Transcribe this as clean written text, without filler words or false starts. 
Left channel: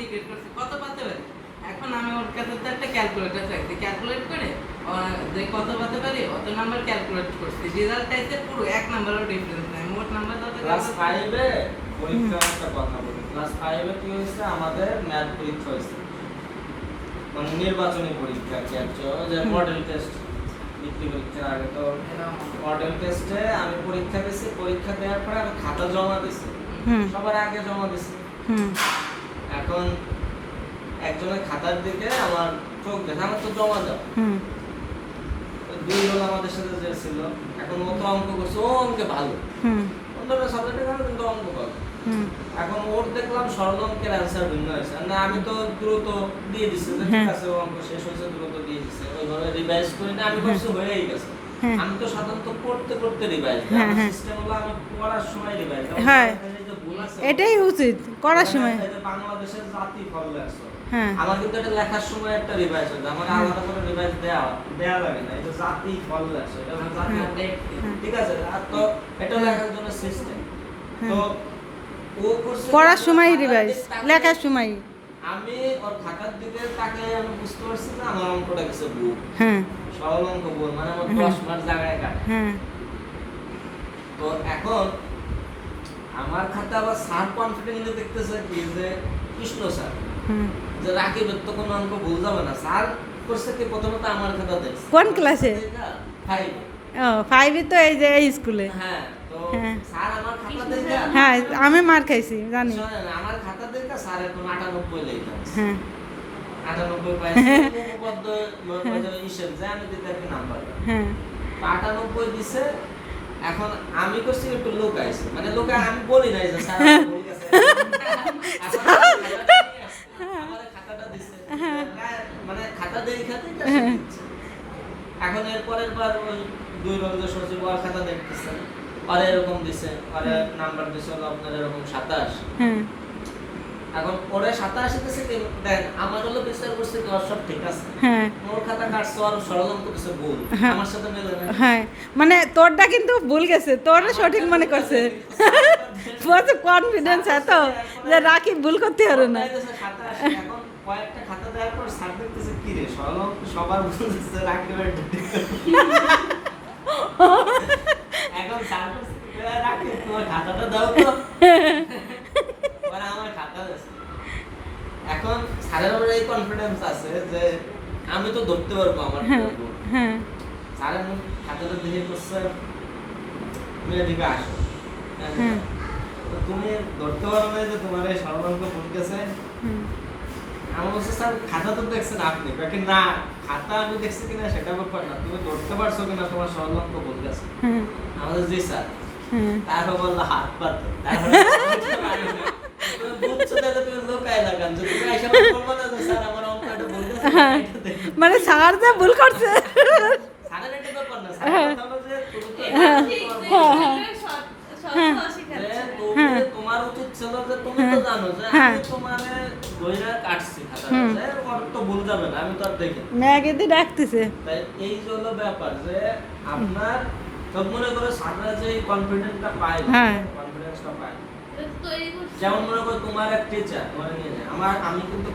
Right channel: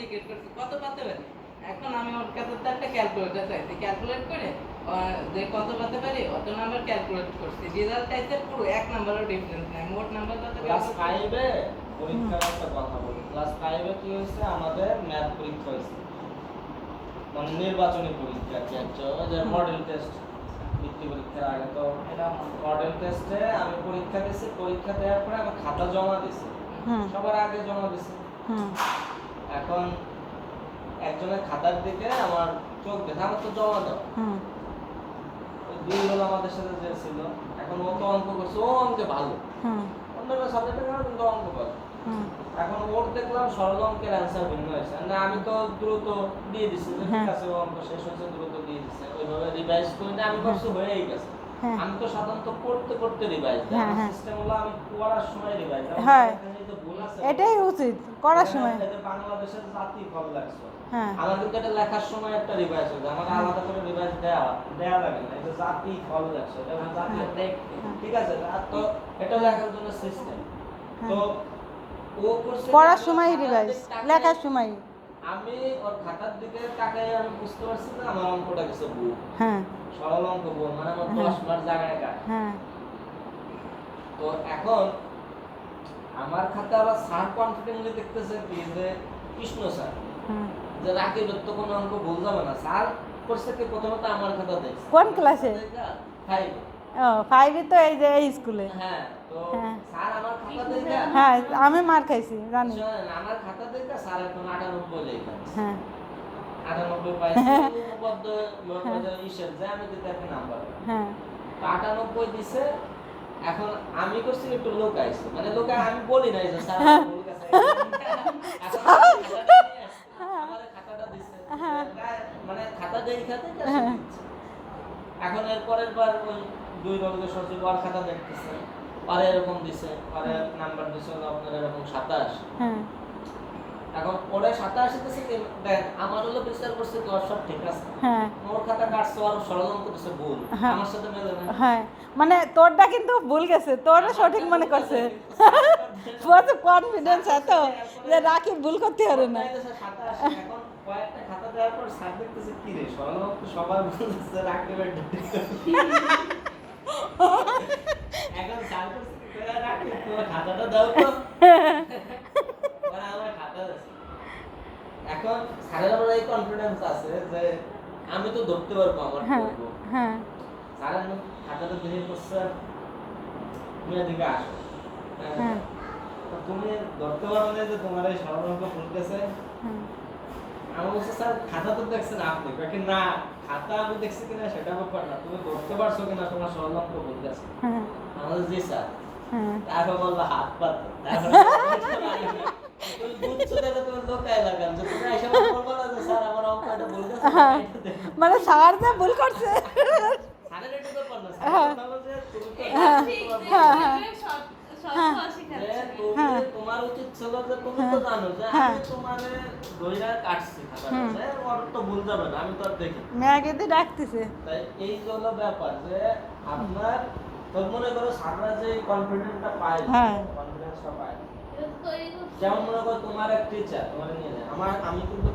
জিজ্ঞেস করছি কত পাতে পারি। এখন আমি ওর কাছে তো একটা ক্যালকুলেটর চাইছি, ক্যালকুলেট করে যে কত পাতে পারি অত নাম্বার ক্যালকুলেট করছি। রেজাল্ট চাইছে পুরো এক নাম্বারও ডিফারেন্স নাই, মোট নাম্বার যত। ক্লাস 5 এ পরীক্ষার একটা কথা বলি। ক্লাস 5 এ কি হয়েছে, আমাদের ম্যাথ পরীক্ষা হয়েছে, মানে নির্বাচনী পরীক্ষা কি আছে, যে মডেল টেস্ট বৃত্তি পরীক্ষার আগে। তো মডেল টেস্টে আমি পরীক্ষা দিয়েছি, পরীক্ষা দেওয়ার পরে আমি খাতা জমা দিয়েছি, সবার আগে জমা দিয়েছি। এখন একজনের খাতার দিকে আমার চোখ দেখে, আমার তো জমা দেওয়া দুই হলো আমাদের সাথে যে ছিল। এখন ও তো অঙ্ক করছে, ও অঙ্কে ভালো, অন্যরা সাবজেক্টে ভালো কিন্তু অঙ্ক ভালো। এখন ওর দেখলাম সরল অঙ্কের অ্যান্সার ভিন্ন হয়েছে, মানে আমি তো দ্রুত দিয়ে দিচ্ছি যে ঠিক আছে অঙ্ক শেষ হয়েছে, দ্রুত দিয়ে দিচ্ছি, ওইভাবে রিভাইজ করি না, আমি ভাবছি হয়েই গেছে। আমি তো সাধারণত পড়তে পড়তে রিভাইজ দিই, আমার সিস্টেম হলো আমি পড়ার সময় রিভাইজ দিই। হ্যাঁ, এই এটাই উচিত করার সময়। বাংলাদেশের জাতি ফল লাগছে, আমার কিন্তু এটা লেখার সময় একটা রিভাইজ হতো, আমার আলাদা করে রিভাইজ দেওয়া লাগে না। এটা জাতি ফল লাগছে, এটা জাতি ঠিক আছে। তো এটা লেখার জন্য সিস্টেম। তো ও করছে পড়ার সময় রিভাইজ, লেখার সময়। আমি ওর খাতার দিকে তাকায় আমি বুঝতে পারছি না আমার অঙ্কটা গেছে ভুল। সরল অঙ্ক ভুল, মানে আমার 10 মার্ক জায়গায় কাট। তো এখন আমার খাতা আবার স্যার কনফিডেন্টলি দেখতেছে কি যে কৃষ্ণ স্যার, যে রাকিবের তো কোনো অঙ্ক ভুল যাবে না। স্যার করছে কি প্রথমত আমার খাতা দেখছে। কোন ক্লাসে? 5। ও 5 এ তো এই যে এই স্কুলে। হ্যাঁ, তো স্যার আমার খাতা দেখে, হ্যাঁ আমি মার খাইছি জানি। শুনেন আমার খাতা দেখে স্যার এখন 98 লিখেছে। হ্যাঁ 98 পাইছে, উপপাদ্য হিসেব যে আমি দিতে একটা নাম্বার। হ্যাঁ 98 দিছে। এখন আমি করছি একটু লোকাইছে, মানে লোকাই আমি বলি নাই যে স্যার আমার ভুল গেছে। আমার খাতাটা দিছে, মানে খাতা দেখে দিচ্ছে। এখন এর পরের বার ওই 2 রোজে সচিব আর খাতা দেখতেছে, আর এরকম দিছে, আর নাম্বার দিছে হলো আপনার এরকম 27। এখন ওরা 27 দিছে কি দেন, আমার হলো বিচার করছে কি সব ঠিক আছে। ওর খাতা কাটছে আর সরল অঙ্ক দিছে ভুল, আমার সাথে মেলে না। হ্যাঁ মানে তোরটা কিন্তু ভুল গেছে, তোরটা সঠিক মনে করছে। বহুত কনফিডেন্স এত যে রাকিব ভুল করতে পারে না। এখন কয়েকটা খাতা দেওয়ার পর স্যার দেখতেছে কি রে সরল অঙ্ক সবার ভুল দিছে, রাকিবের এখন স্যার বলছে রাকিব তোমার খাতাটা দাও তো, মানে আমার খাতা আছে। এখন স্যারের উপরে এই কনফিডেন্স আছে যে আমি তো ধরতে পারবো আমার করব। স্যারের খাতাটা দেখে করছে তুমি এদিকে আসো, তুমি ধরতে পারো না যে তোমার এই সরল অঙ্ক ভুল গেছে। আমি বলছি স্যার খাতা তো দেখছেন আপনি, বাকি না খাতা আমি দেখছি কিনা সেটা ব্যাপার না, তুমি ধরতে পারছো কিনা তোমার সরল অঙ্ক ভুল গেছে। আমাদের জি স্যার। তারপর বললো হাত পাতে, তুমি বুঝছো তাহলে তুমি লোকাই লাগান, যে তুমি এসে বলবো না যে স্যার আমার অঙ্কটা ভুল গেছে। মানে স্যার যে ভুল করছে, স্যারের এটা ব্যাপার না, স্যারের কথা হলো যে তুমি তো তোমার উচিত ছিল যে তুমি তো জানো যে আমি তোমারে দইরা কাটছি খাতাটা, যে ওর তো ভুল যাবে না, আমি তো আর দেখি ম্যাগে দিয়ে ডাকতেছে। তাই এই হলো ব্যাপার যে আপনার সব মনে করো সারা যে কনফিডেন্সটা পায়, কনফিডেন্সটা পায়। যেমন মনে করো তোমার এক টিচার তোমার নিয়ে যায়, আমি কিন্তু